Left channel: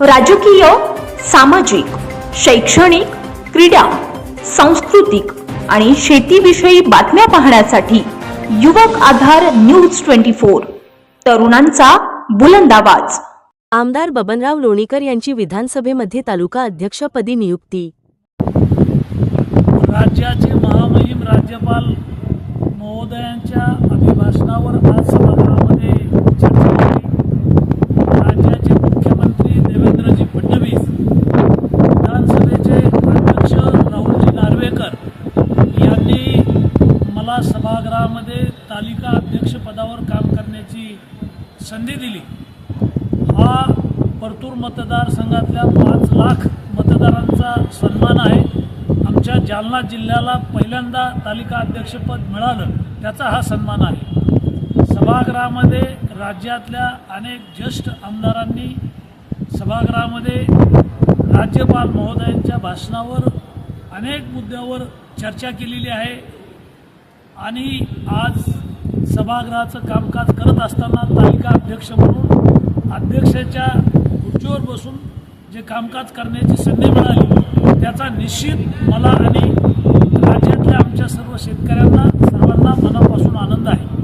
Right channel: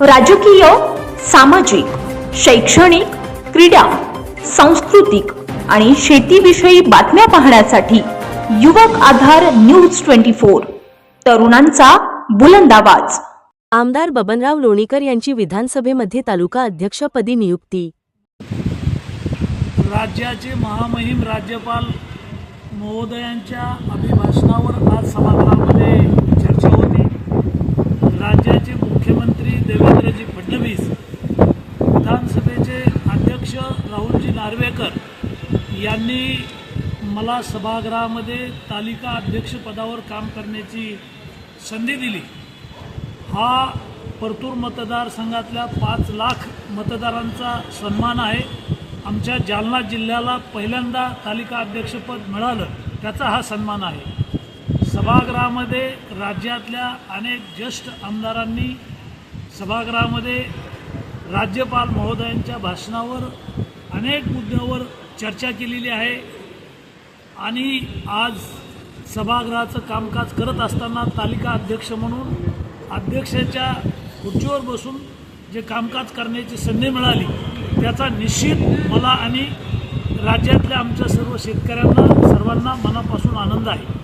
राजकीय सामाजिक शैक्षणिक क्रीडा सांस्कृतिक आणि शेतीविषयी बातम्या पाहण्यासाठी युवक आधार न्यूज ट्वेंटी फोर. तरुणांचा बुलंद आवाज. आमदार बबनराव लोणीकर यांची विधानसभेमध्ये तालुका अध्यक्षपदी नियुक्ती. राज्याचे महामहिम राज्यपाल महोदयांच्या अभिभाषणावर मला सभागृहामध्ये तालिका अध्यक्षपदावर काम करण्याची संधी दिली. हा परतूर मतदारसंघातल्या पाच लाख मतदारांचा सन्मान आहे. आमच्या जालना जिल्ह्याला पहिल्यांदा तालिका अध्यक्षपद मिळालं त्याचा हा सन्मान आहे. सभागृहामध्ये राज्यातल्या अनेक ज्येष्ठ आमदारांनी सभागृहामध्ये राज्यपाल महोदयांच्या भाषणावर अनेक मुद्द्यावर चर्चा केलेली आहे. आणि आज सभागृहाचं कामकाज करत असताना तालिका अध्यक्ष म्हणून अध्यक्षाच्या खुर्चीवर बसून जे कामकाज करण्याची संधी मिळाली त्याचा निश्चित मला आणि राज्यातल्या आमच्या सर्व शेतकऱ्यांना सर्वांना मनापासून आनंद आहे.